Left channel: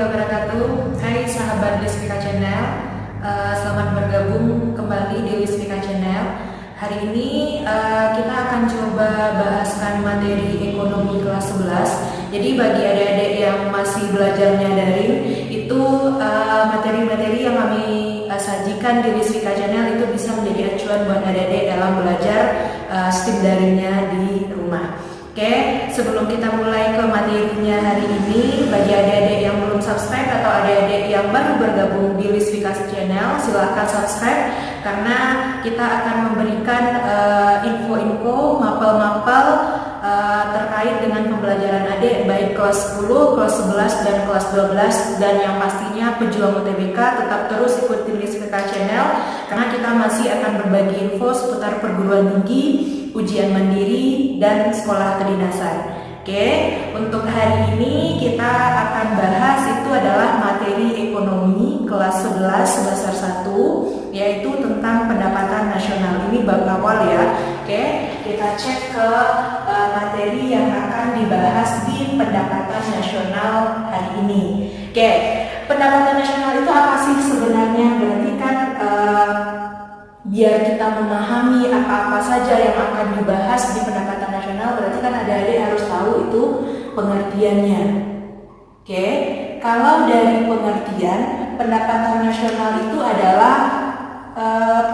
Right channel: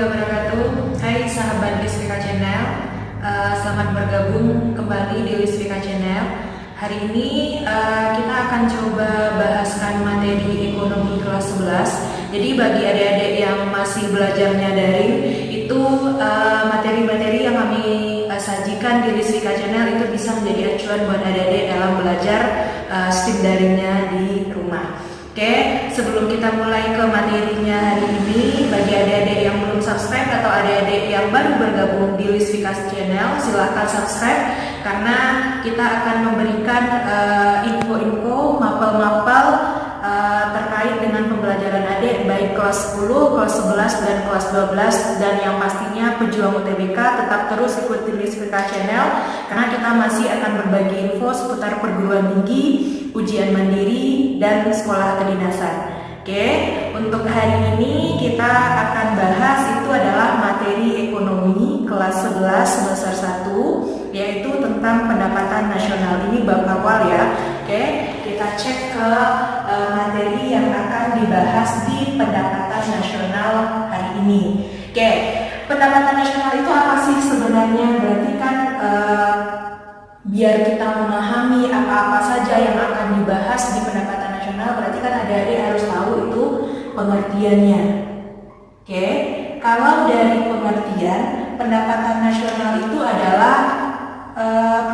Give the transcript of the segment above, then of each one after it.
warahmatullahi wabarakatuh. Hai sahabat Lisvika Channel, selamat bergabung kembali di Lisvika Channel. Hari ini kita akan coba bahaskan materi ekonomi kelas 11. Jadi bagi adik-adik yang masih belajarnya daring, itu materi-materi yang kami sajikan di Lisvika Channel itu bisa menjadi acuan buat adik-adik dalam belajar STEM daringnya di rumah. Oke, sebelum kita mulai ke materinya hari ini, bagi adik-adik yang belum subscribe atau adik-adik yang baru bergabung di Lisvika Channel, silahkan subscribe karena kita akan memberikan info-info, mapel-mapel terkait dengan pembelajaran adik baik kelas 10, kelas 11, dan kelas 12. Dan yang pastinya pejuang UTBK tetap terus ikuti Lisvika Channel karena kita masih akan berbagi info seputar perguruan tinggi, ujian mandiri, dan sekolah kedinasan. Oke, untuk hari ini kita akan bahas itu adalah materi ekonomi kelas 11 semester 1, yaitu tentang pendapatan nasional. Ini bab awal ya. Oke, kita cek ke materi yang akan dibahas di pendapatan nasional hari ini. Oke, pendapatan nasional itu apa sih sebenarnya? Berarti kan biar kita memahami apa-apa saja yang akan dibahas di pendapatan nasional, berarti kan adik-adik harus tahu itu pengertiannya. Oke, kalau dari pengertian, pendapatan nasional itu adalah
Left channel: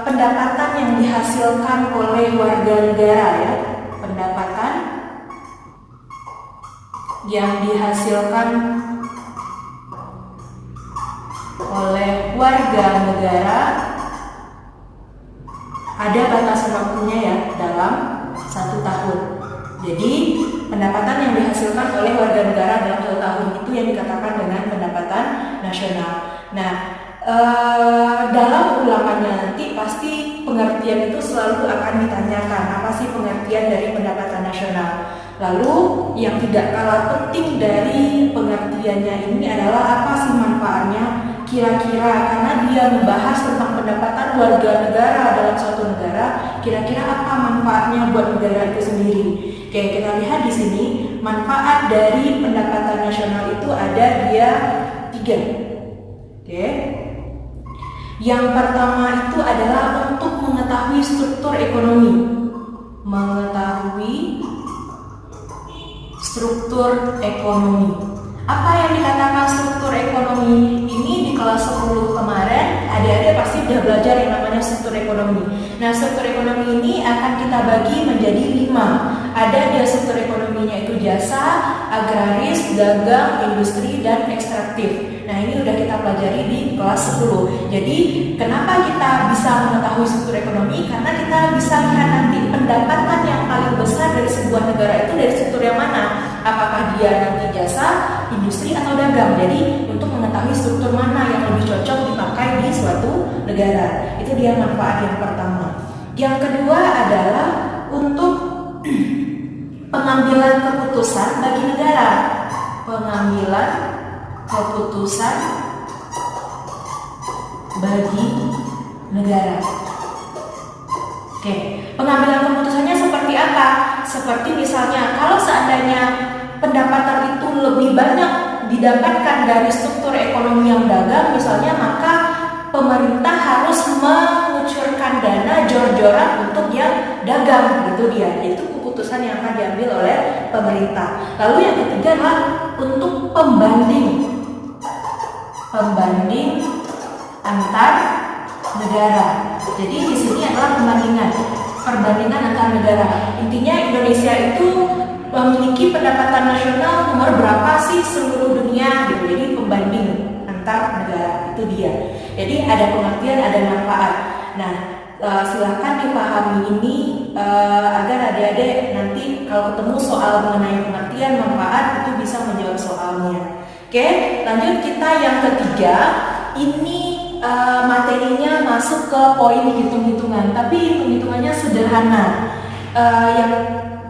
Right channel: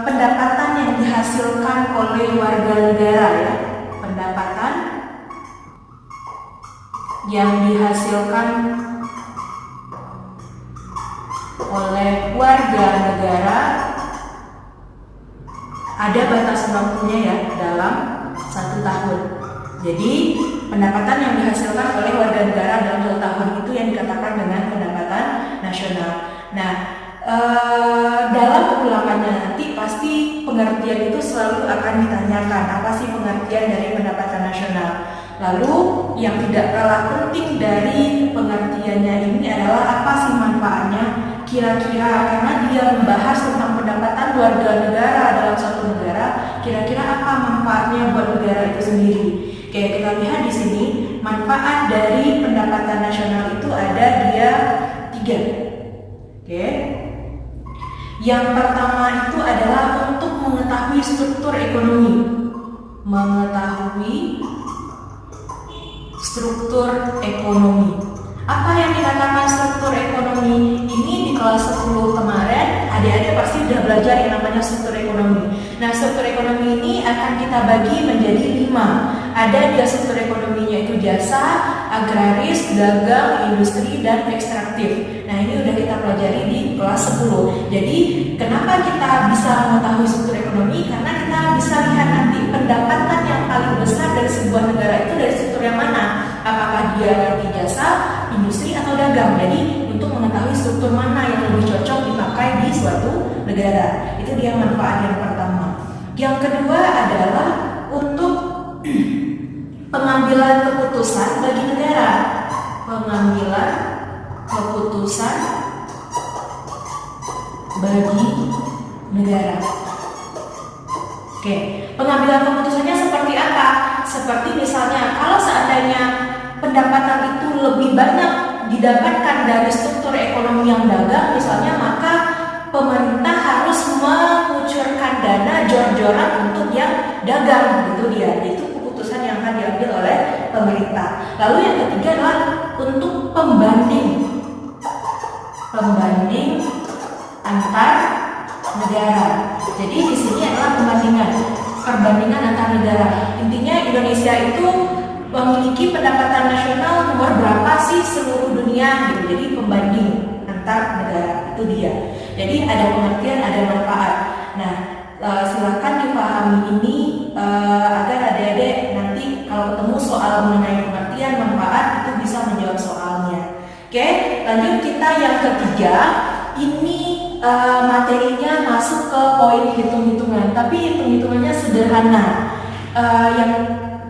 pendapatan yang dihasilkan oleh warga negara ya. Pendapatan yang dihasilkan oleh warga negara, ada batasan waktunya ya, dalam 1 tahun. Jadi pendapatan yang dihasilkan oleh warga negara dalam 1 tahun itu yang dikatakan dengan pendapatan nasional. Nah, dalam ulangannya nanti pasti pengertian itu selalu akan ditanyakan, apa sih pengertian dari pendapatan nasional. Lalu yang tidak kalah penting dari pengertiannya ini adalah apa sih manfaatnya kira-kira, karena dia membahas tentang pendapatan warga negara dalam suatu negara, kira-kira apa manfaatnya buat negara itu sendiri. Oke, kita lihat di sini manfaat dari pendapatan nasional itu ada dia 3. Oke, yang pertama itu adalah untuk mengetahui struktur ekonomi. Mengetahui struktur ekonomi. Apa yang dikatakan struktur ekonomi? Ini di kelas 10 kemarin adik-adik pasti sudah belajar yang namanya struktur ekonomi. Nah, struktur ekonomi ini akan kita bagi menjadi 5. Ada dia struktur ekonominya itu jasa, agraris, dagang, industri, dan ekstraktif. Nah, ini udah kita pelajari di kelas 10. Jadi, kenapa kita bisa mengetahui struktur ekonomi? Karena kita bisa lihat nanti pendapatan yang paling besar dari sebuah negara itu dari struktur yang mana? Apakah dia di jasa, industri, atau dagang? Jadi untuk mengetahui struktur mana yang lebih cocok dipakai di suatu negara, itu dia manfaat yang pertama. Yang kedua adalah untuk pengambilan keputusan bagi negara. Pengambilan keputusan bagi negara. Oke, pengambilan keputusannya seperti apa? Seperti misalnya kalau seandainya pendapatan itu lebih banyak didapatkan dari struktur ekonomi yang dagang misalnya, maka pemerintah harus mengucurkan dana jor-joran untuk yang dagang, gitu dia. Itu keputusan yang akan diambil oleh pemerintah. Lalu yang ketiga adalah untuk pembanding antar negara. Jadi di sini adalah perbandingan antar negara. Intinya Indonesia itu memiliki pendapatan nasional nomor berapa sih seluruh dunia gitu. Jadi pembanding antar negara itu dia. Jadi ada pengertian, ada manfaat. Nah, silakan dipahami ini agar adik-adik nanti kalau ketemu soal mengenai pengertian, manfaat itu bisa menjawab soalnya. Oke, lanjut kita yang ketiga. Ini materinya masuk ke poin hitung-hitungan, tapi hitung-hitungannya sederhana.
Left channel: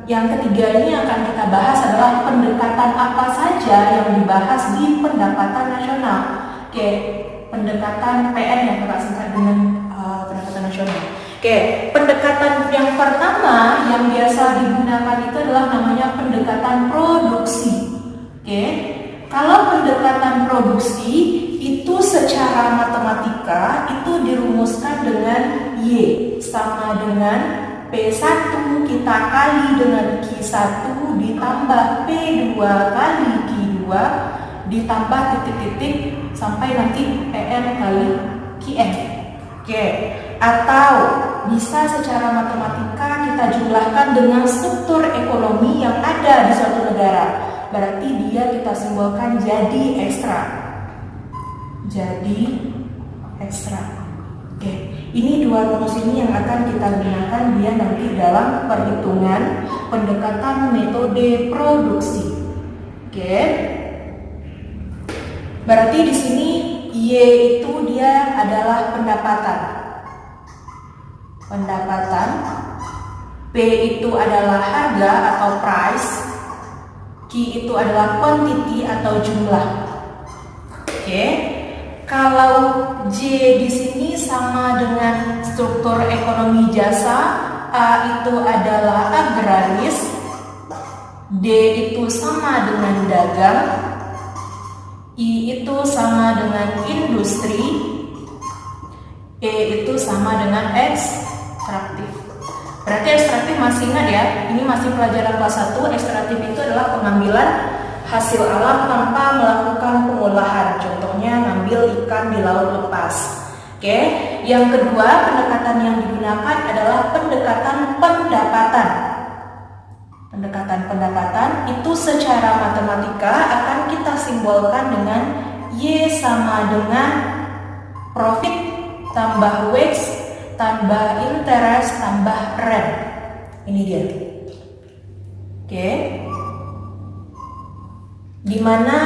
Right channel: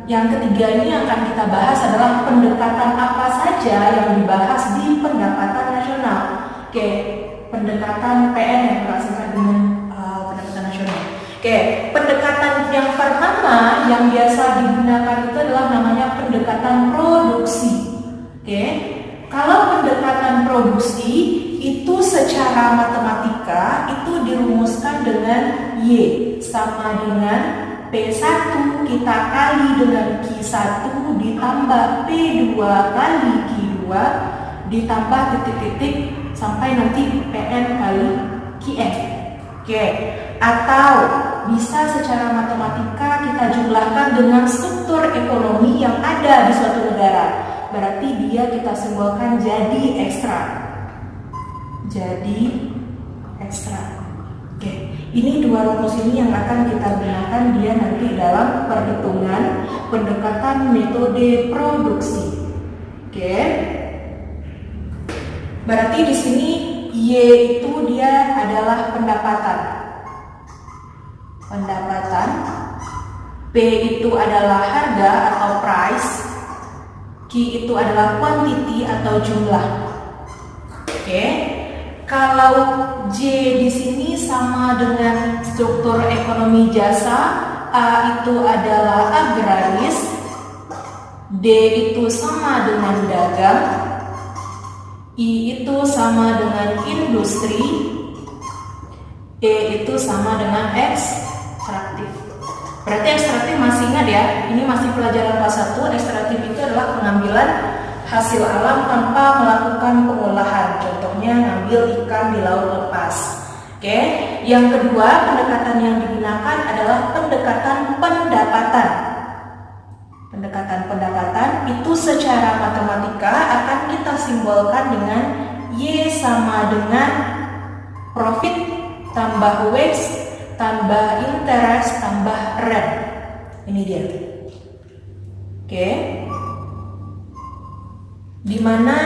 Yang ketiga ini akan kita bahas adalah pendekatan apa saja yang dibahas di pendapatan nasional. Oke, pendekatan PN yang berasal dengan pendapatan nasional. Oke, pendekatan yang pertama yang biasa digunakan itu adalah namanya pendekatan produksi. Oke, Kalau pendekatan produksi itu secara matematika itu dirumuskan dengan Y sama dengan P1 kita kali dengan Q1 ditambah P2 kali Q2 ditambah titik-titik sampai nanti PN kali QN. Oke. Atau bisa secara matematika kita jumlahkan dengan struktur ekonomi yang ada di suatu negara. Berarti dia kita simbolkan jadi ekstra. Jadi ekstra. Oke. Ini dua rumus ini yang akan kita gunakan dia nanti dalam perhitungan pendekatan metode produksi. Oke. Berarti di sini Y itu dia adalah pendapatan. Pendapatan. P itu adalah harga atau price. Q itu adalah quantity atau jumlah. Oke. Kalau J di sini sama dengan struktur ekonomi jasa, A itu adalah agraris, D itu sama dengan dagang, I itu sama dengan industri, E itu sama dengan ekstraktif. Berarti ekstraktif masih ingat ya, ini masih pelajaran kelas 1. Ekstraktif itu adalah pengambilan hasil alam tanpa melakukan pengolahan. Contohnya ngambil ikan di laut lepas. Oke. Yang kedua, pendekatan yang digunakan adalah pendekatan pendapatan. Pendekatan pendapatan itu secara matematika akan kita simbolkan dengan Y sama dengan profit tambah wage tambah interest tambah rent. Ini dia. Oke. Dimana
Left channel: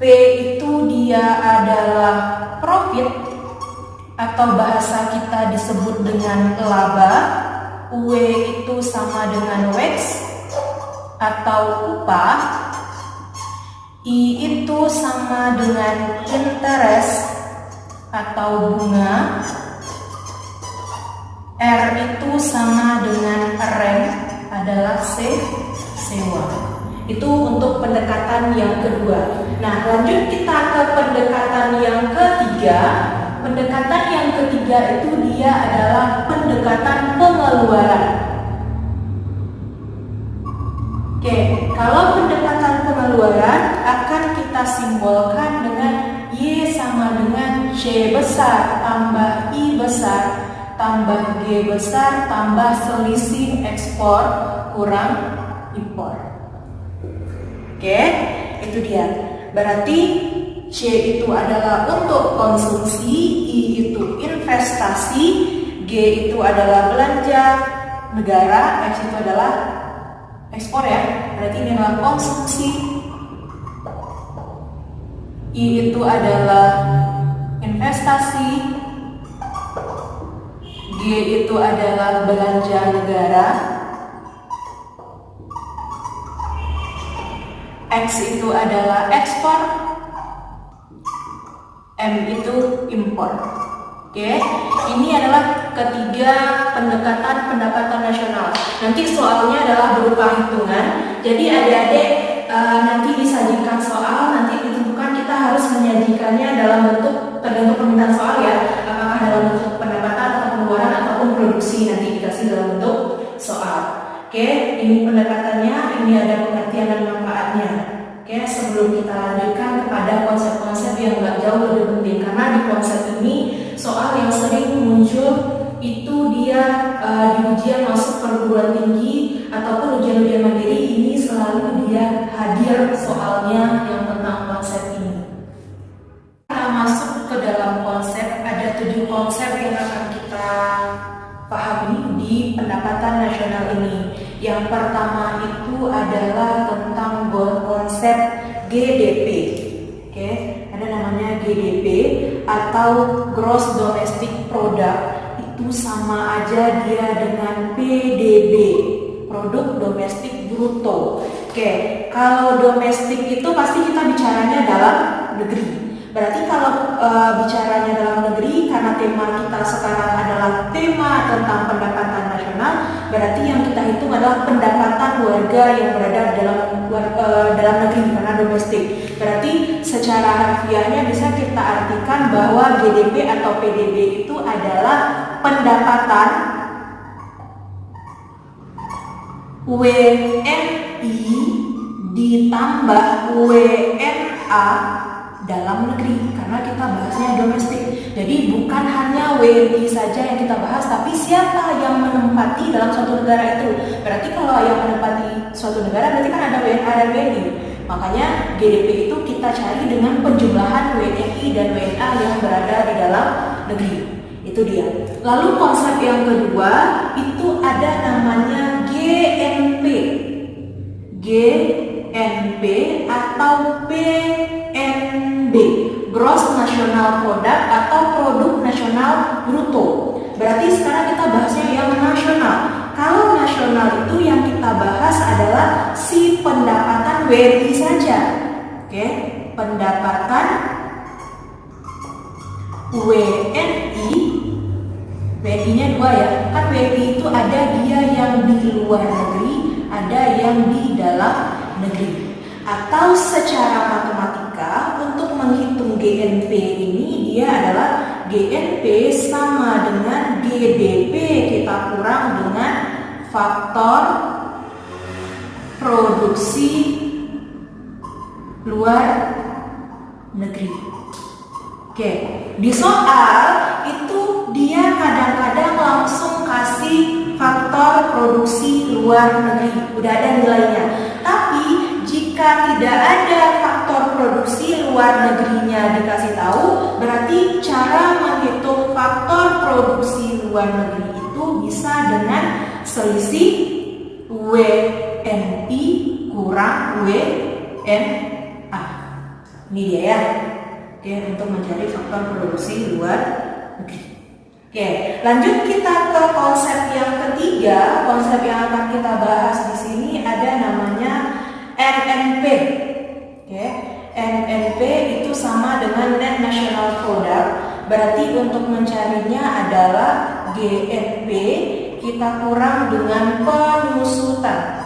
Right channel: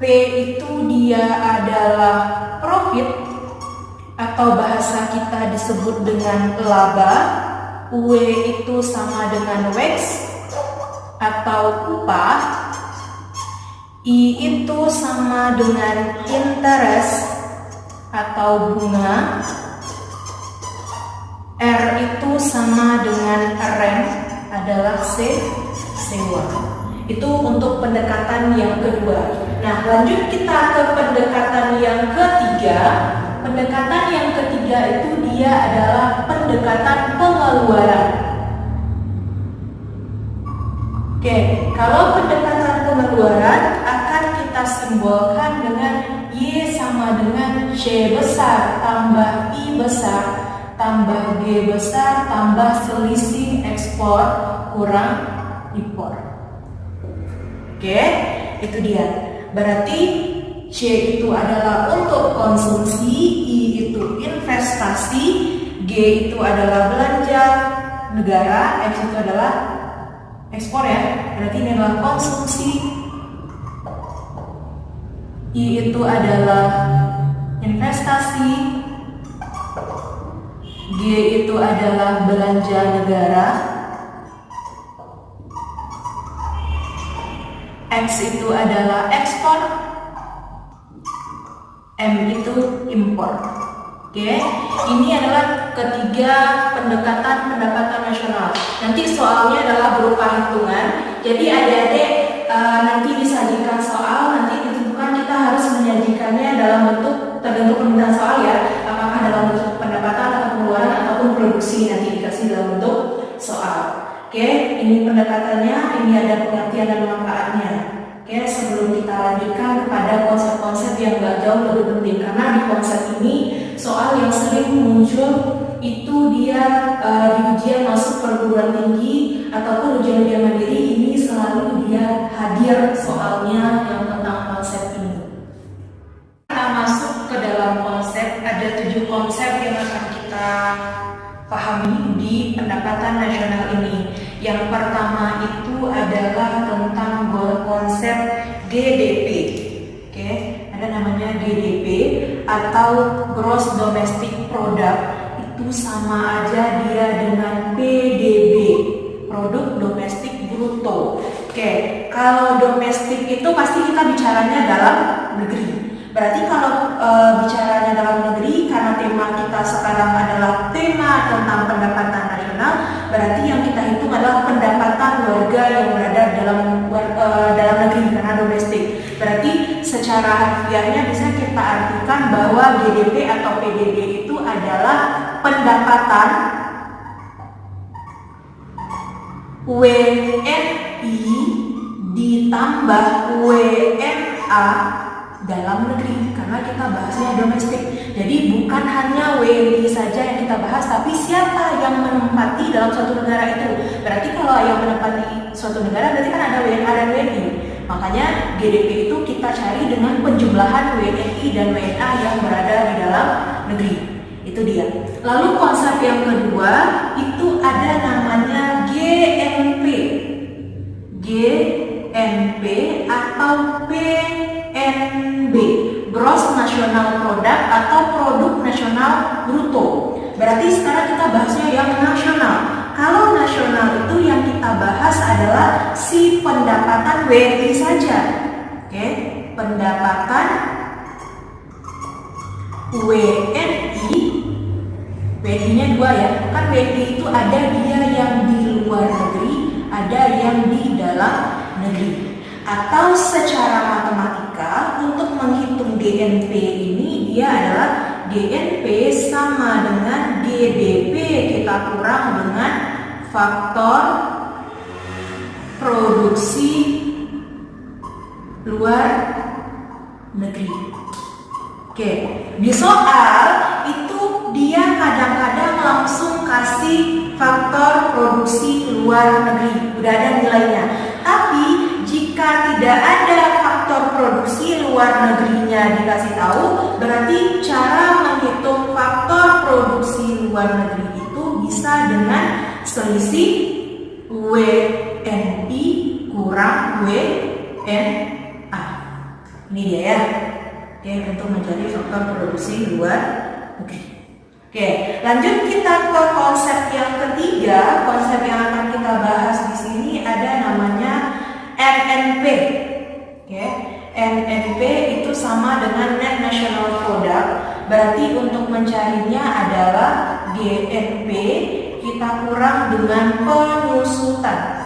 P itu dia adalah profit atau bahasa kita disebut dengan laba, W itu sama dengan wage atau upah, I itu sama dengan interest atau bunga, R itu sama dengan rent adalah sewa. Itu untuk pendekatan yang kedua. Nah, lanjut kita ke pendekatan yang ketiga. Pendekatan yang ketiga itu dia adalah pendekatan pengeluaran. Oke, kalau pendekatan pengeluaran akan kita simbolkan dengan Y sama dengan C besar tambah I besar tambah G besar tambah selisih ekspor kurang impor. Oke, itu dia. Berarti C itu adalah untuk konsumsi, I itu investasi, G itu adalah belanja negara, X itu adalah ekspor ya. Berarti ini adalah konsumsi, I itu adalah investasi, G itu adalah belanja negara, X itu adalah ekspor, M itu impor. Oke, ini adalah ketiga pendekatan pendapatan nasional. Nanti soalnya adalah berupa hitungan. Jadi adik-adik nanti disajikan soal, nanti ditentukan kita harus menyajikannya dalam bentuk tergantung permintaan soal ya. Apakah dalam bentuk pendapatan atau pengeluaran ataupun produksi, nanti dikasih dalam bentuk soal. Oke, ini pendekatannya, ini ada pengertian dan manfaatnya. Oke, sebelum kita lanjutkan kepada konsep-konsep yang gak jauh lebih penting, karena di konsep ini soal yang sering muncul itu dia di ujian masuk perguruan tinggi ataupun ujian-ujian mandiri, ini selalu dia hadir soalnya yang tentang konsep ini. Kita masuk ke dalam konsep, ada 7 konsep yang akan kita pahami di pendapatan nasional ini. Yang pertama itu adalah tentang konsep GDP. Oke, ada namanya GDP atau Gross Domestic Product. Itu sama aja dia dengan PDB, Produk Domestik Bruto. Oke, kalau domestik itu pasti kita bicaranya dalam negeri. Berarti kalau bicaranya dalam negeri, karena tema kita sekarang adalah tema tentang pendapatan nasional, berarti yang kita hitung adalah pendapatan warga yang berada dalam negeri karena domestik. Berarti secara harfiahnya bisa kita artikan bahwa GDP atau PDB itu adalah pendapatan WNI ditambah WNA dalam negeri, karena kita bahasnya domestik. Jadi bukan hanya WNI saja yang kita bahas, tapi siapa yang menempati dalam suatu negara itu. Berarti kalau yang menempati suatu negara berarti kan ada WNA dan WNI. Makanya GDP itu kita cari dengan penjumlahan WNI dan WNA yang berada di dalam negeri. Itu dia. Lalu konsep yang kedua itu ada namanya GNP. GNP atau PNB, Gross National Product atau Produk Nasional Bruto. Berarti sekarang kita bahasnya yang nasional. Kalau nasional itu yang kita bahas adalah si pendapatan WNI saja. Oke, pendapatan WNI. WNI-nya dua ya. Kan WNI itu ada dia yang di luar negeri, ada yang di dalam negeri. Atau secara matematika untuk menghitung GNP ini dia adalah GNP sama dengan GDP kita kurang dengan faktor produksi luar negeri. Oke, di soal itu dia kadang-kadang langsung kasih faktor produksi luar negeri, udah ada nilainya. Tapi jika tidak ada faktor produksi luar negerinya dikasih tahu, berarti cara menghitung faktor produksi luar negeri itu bisa dengan selisih WNI kurang WNA. Ini dia ya. Oke, untuk mencari faktor produksi luar negeri. Oke, lanjut kita ke konsep yang ketiga. Konsep yang akan kita bahas di sini ada namanya NNP. Oke, NNP itu sama dengan Net National Product. Berarti untuk mencarinya adalah GNP kita kurang dengan penyusutan.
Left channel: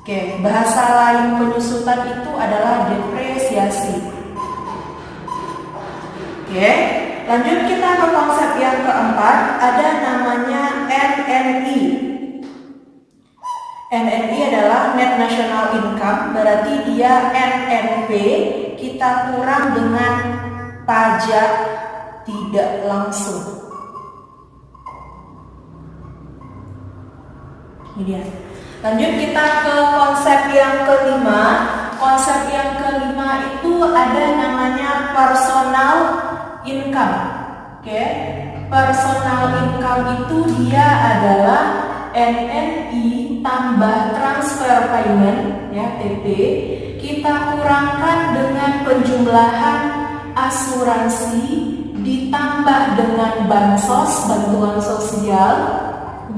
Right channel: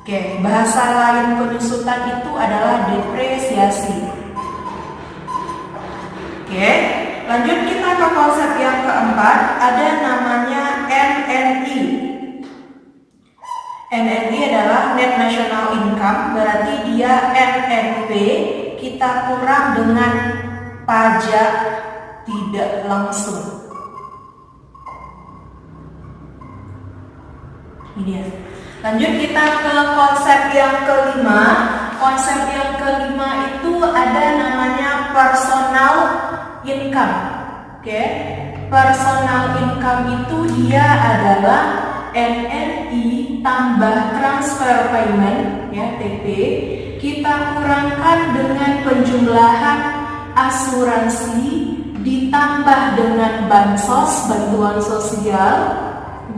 Oke, bahasa lain penyusutan itu adalah depresiasi. Oke, lanjut kita ke konsep yang keempat, ada namanya NNI. NNI adalah Net National Income, berarti dia NNP kita kurang dengan pajak tidak langsung. Ini dia. Lanjut kita ke konsep yang kelima. Konsep yang kelima itu ada namanya personal income. Oke, personal income itu dia adalah NNI tambah transfer payment ya TP kita kurangkan dengan penjumlahan asuransi ditambah dengan bansos bantuan sosial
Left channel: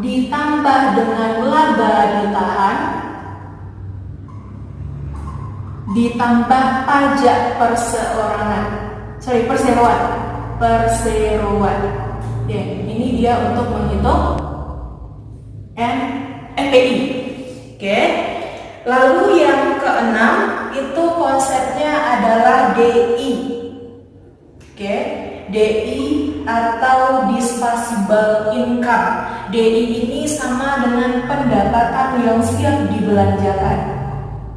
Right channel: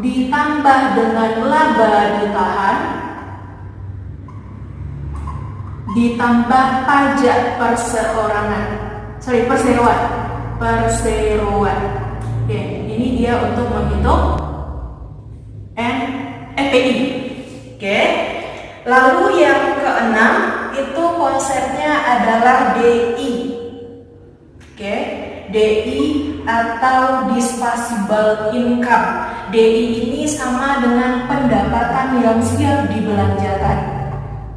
ditambah dengan laba ditahan ditambah pajak perseroan. Oke, ini dia untuk menghitung NPI. Oke. Lalu yang keenam itu konsepnya adalah DI. Oke, DI atau disposable income. DI ini sama dengan pendapatan yang siap dibelanjakan.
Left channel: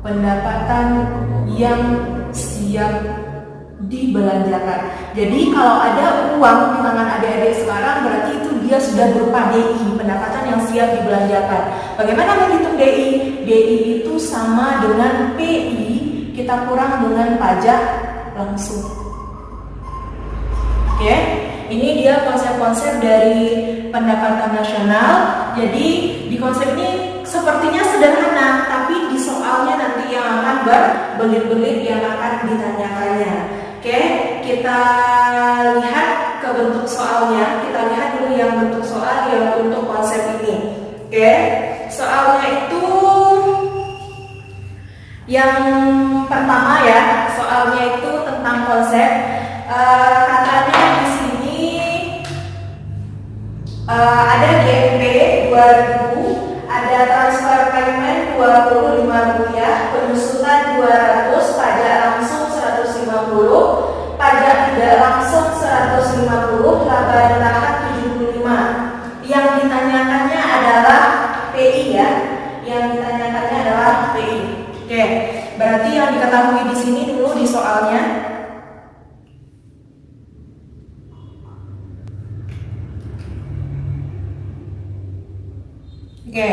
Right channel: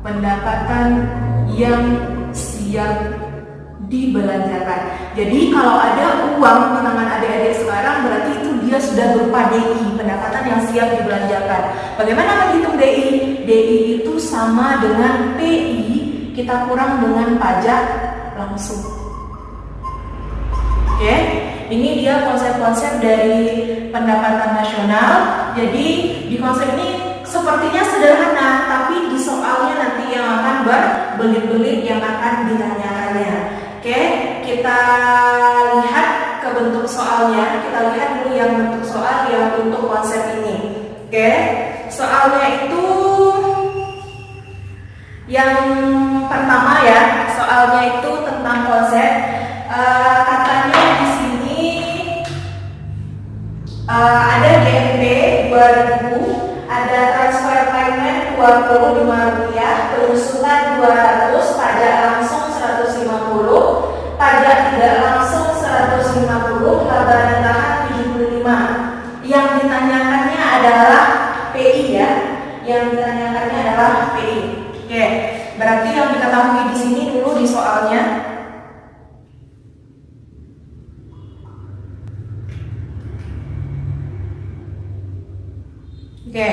Pendapatan yang siap dibelanjakan. Jadi kalau ada uang di tangan adik-adik sekarang berarti itu dia sudah berupa DI, pendapatan yang siap dibelanjakan. Bagaimana menghitung DI? DI itu sama dengan PI kita kurang dengan pajak langsung. Oke, ini dia konsep-konsep dari pendapatan nasional. Jadi di konsep ini sepertinya sederhana, tapi di soalnya nanti yang akan berbelit-belit yang akan ditanyakannya. Oke, kita lihat ke bentuk soalnya. Kita lihat dulu yang bentuk soal yang untuk konsep ini. Oke, soalnya itu yang pertama ya. Soalnya itu tentang konsep. Katanya di sini ada GNP 2000, ada transfer payment 25 rupiah, penyusutan 200. ketahui di sini dulu di soalnya. Oke,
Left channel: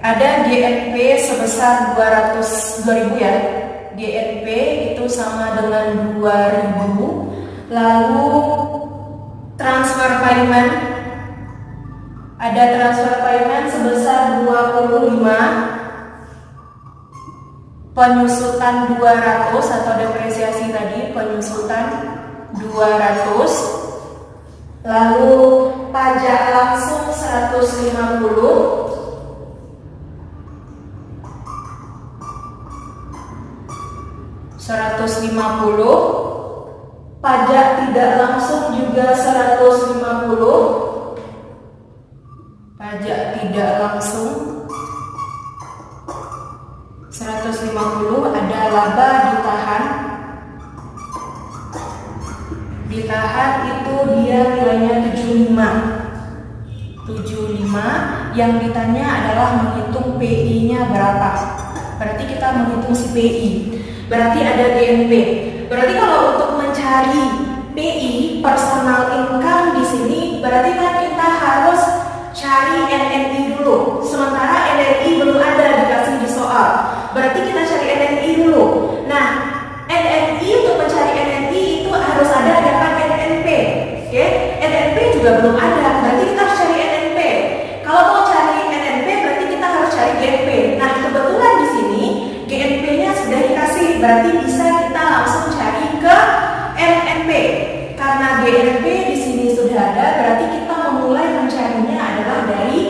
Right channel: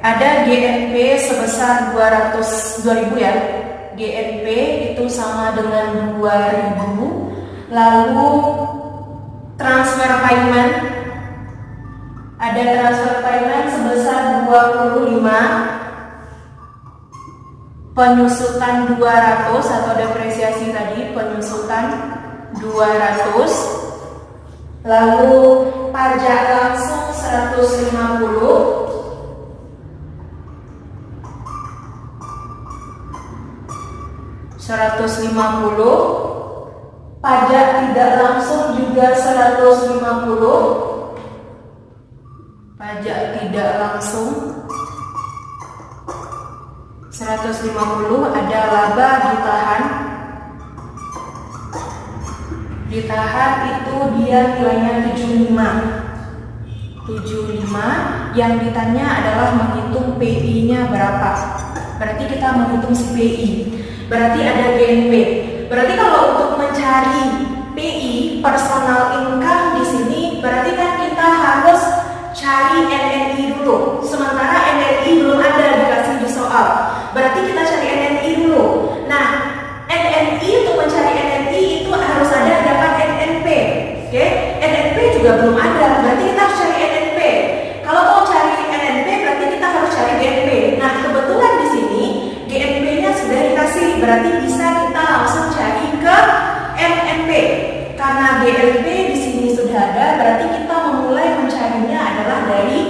ada GNP sebesar 200.000 ya. GNP itu sama dengan 2.000. Lalu transfer payment, ada transfer payment sebesar 25, penyusutan 200 atau depresiasi tadi penyusutan 200, lalu pajak langsung 150, pajak tidak langsung juga 150, pajak tidak langsung 150, ada laba ditahan itu dia nilainya 75, yang ditanya adalah menghitung PI-nya berapa. Berarti kita menghitung si PI. Berarti ada GNP. Berarti kalau untuk mencari PI personal income di sini, berarti kan kita harus cari NNI dulu. Sementara NNI belum ada dikasih di soal. Berarti kita cari NNI dulu. Nah, NNI untuk mencari NNI itu harus ada dapat NNP. Oke? NNP juga belum ada. Berarti kita harus cari NNP. Kalau mau cari NNP berarti kita harus cari GNP. Nah, kebetulan di sini GNP-nya sudah dikasih. Berarti bisa kita langsung cari ke NNP. Karena GNP di sini sudah ada, berarti kita memulai mencarinya adalah dari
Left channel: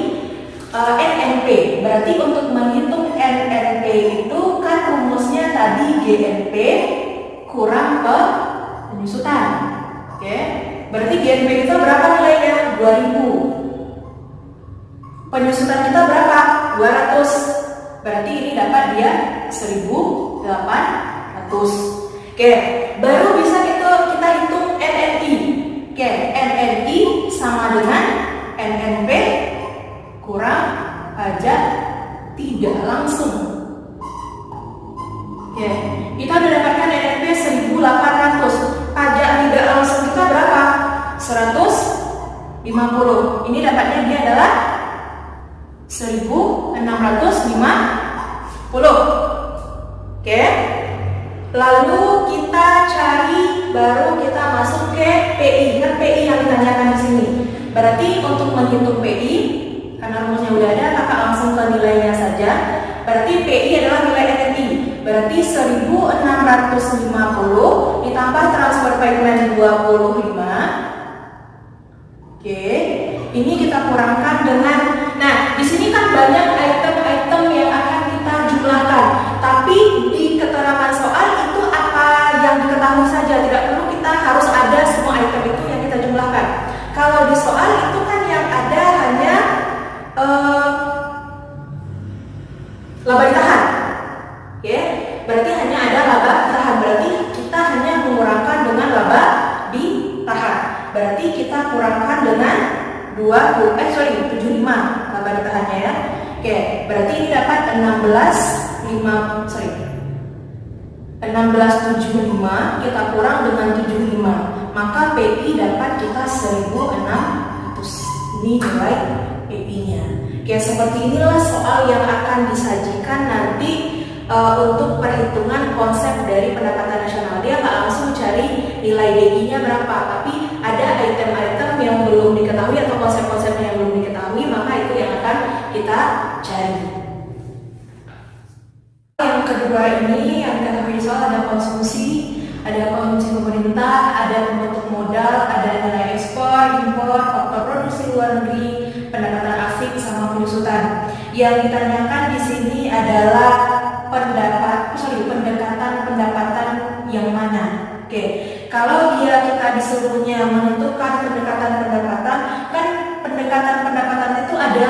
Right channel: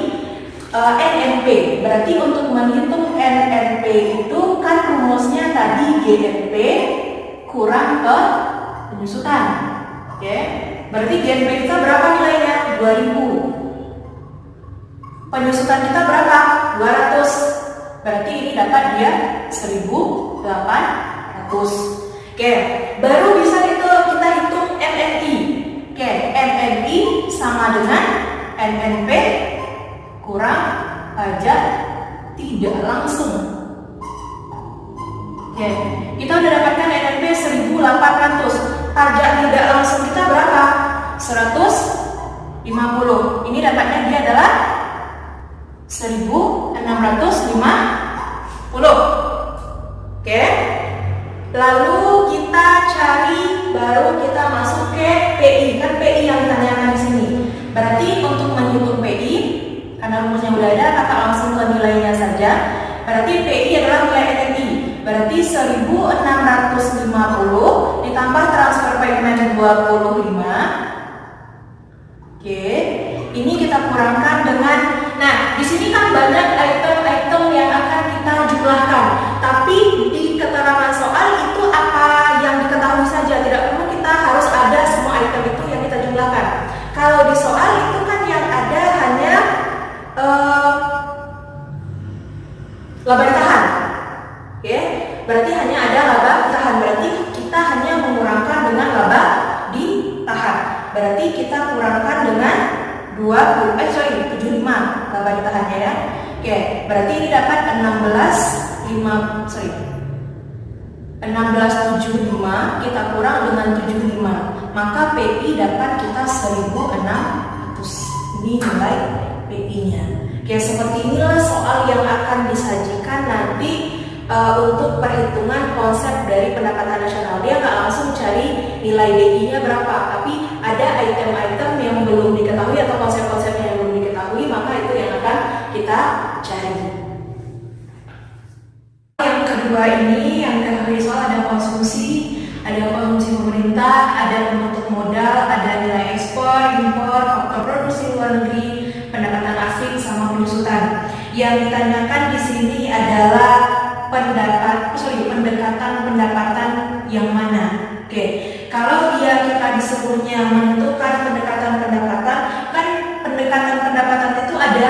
NNP. Berarti untuk menghitung NNP itu kan rumusnya tadi GNP kurang ke penyusutan. Oke? Berarti GNP kita berapa nilainya? 2000. Penyusutan kita berapa? 200. Berarti ini dapat dia 1.800. Oke, baru bisa itu kita hitung NNI. Oke, NNI sama dengan NNP kurang pajak tidak langsung. Oke, kita udah dapatkan NNP 1.800. Pajak tidak langsung kita berapa? 150. Ini dapatnya dia adalah 1.650. Oke. Lalu kita cari, baru kita masuk ke PI. Kan PI yang ditanyakan di sini. Berarti untuk menghitung PI, karena rumusnya udah ada, kakak langsung ke nilainya saja. Berarti PI adalah nilai NNI. Berarti 1.650 ditambah transfer payment 25. Oke. Ini kita kurangkan dengan, nah di sini kan banyak item-item yang akan kita jumlahkan. Tapi di keterangan soal itu apa yang diketahui saja, tidak perlu kita harus ada semua item itu yang kita jumlahkan. Kalau di soal itu kan yang ada hanya laba ditahan. Oke, berarti hanya ada laba ditahan. Berarti kita hanya mengurangkan dengan laba ditahan. Berarti kita kurangkan dengan 75 laba ditahannya ya. Oke, berarti ini dapat 1675 kita kurang dengan 75, maka PI dapat kita 1600. Ini nilai PI-nya. Oke, seperti inilah soal yang akan disajikan nanti untuk perhitungan konsep dari pendapatan nasional. Dia nggak langsung cari nilai DI-nya berapa, tapi ada item-item yang belum diketahui atau konsep-konsep yang belum diketahui, maka itu yang akan kita cari. Yang kedua ini yang diketahui soal ada konsumsi pemerintah, ada pembentuk modal, ada nilai ekspor, impor, faktor produksi luar negeri, pendapatan asing sama penyusutan. Yang ditanyakan di sini adalah pendekatan pendapatan yang mana. Oke, kalau kita disuruhnya menentukan pendekatan pendapatan, kan pendekatan pendapatan itu ada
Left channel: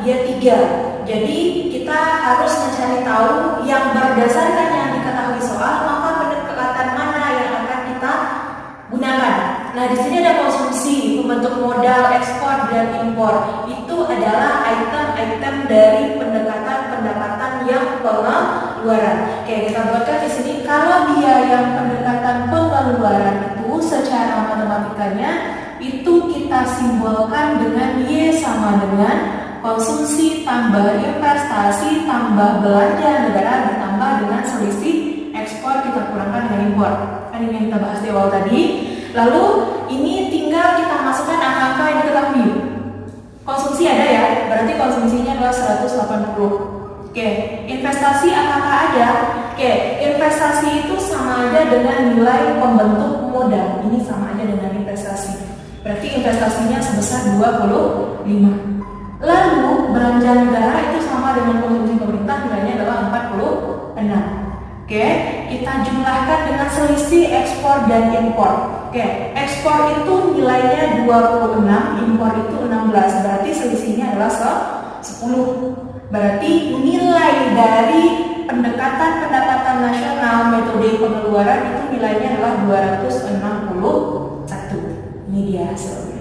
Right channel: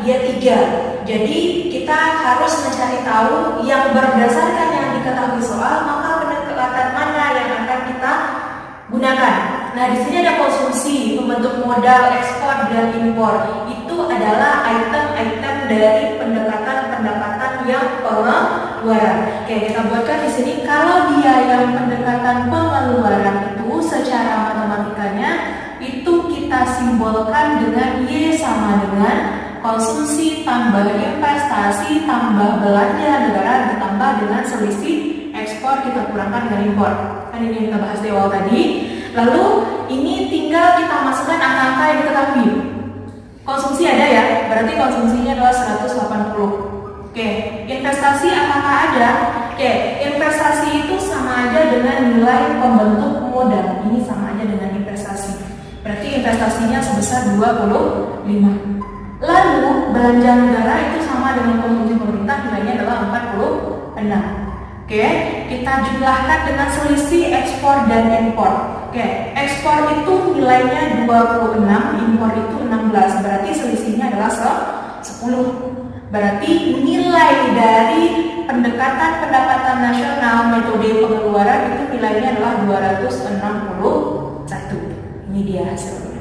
dia 3. Jadi kita harus mencari tahu yang berdasarkan yang diketahui soal, maka pendekatan mana yang akan kita gunakan. Nah, di sini ada konsumsi, pembentuk modal, ekspor dan impor. Itu adalah item-item dari pendekatan pendapatan yang pengeluaran. Oke, kita buatkan di sini. Kalau rangkaian pendekatan pengeluaran itu secara matematikanya itu kita simbolkan dengan Y sama dengan konsumsi tambah investasi tambah belanja negara ditambah dengan selisih ekspor kita kurangkan dengan impor. Kan ini yang kita bahas di awal tadi. Lalu ini tinggal kita masukkan angka-angka yang diketahui. Konsumsi ada ya, berarti konsumsinya adalah 180. Oke, investasi apakah ada? Oke, investasi itu sama aja dengan nilai pembentuk modal. Ini sama aja dengan investasi. Berarti investasinya sebesar 25. Lalu belanja negara itu sama dengan konsumsi pemerintah, nilainya adalah 46. Oke, kita jumlahkan dengan selisih ekspor dan impor. Oke, ekspor itu nilainya 26, impor itu 16. Berarti selisihnya adalah 10. Berarti nilai dari pendekatan pendapatan nasional metode pengeluaran itu nilainya adalah 261. Ini dia hasilnya.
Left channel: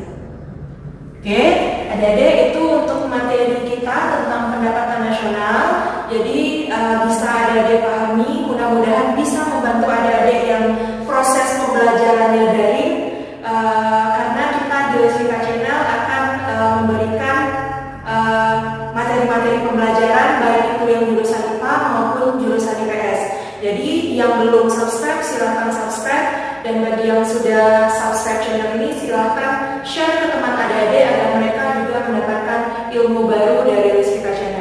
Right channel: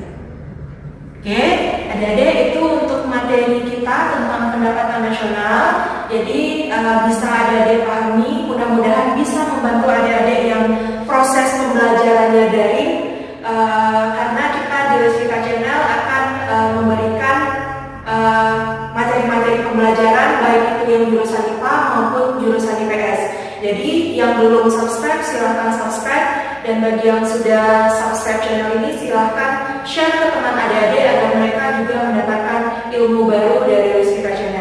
Oke, adik-adik, itu untuk materi kita tentang pendapatan nasional. Jadi bisa adik-adik pahami, mudah-mudahan bisa membantu adik-adik yang proses pembelajarannya daring, karena kita di Lesvika Channel akan memberikan materi-materi pembelajaran baik itu yang jurusan IPA maupun jurusan IPS. Jadi yang belum subscribe silahkan subscribe, dan bagi yang sudah subscribe channel ini silahkan share ke teman adik-adik agar mereka juga mendapatkan ilmu baru dari Lesvika Channel.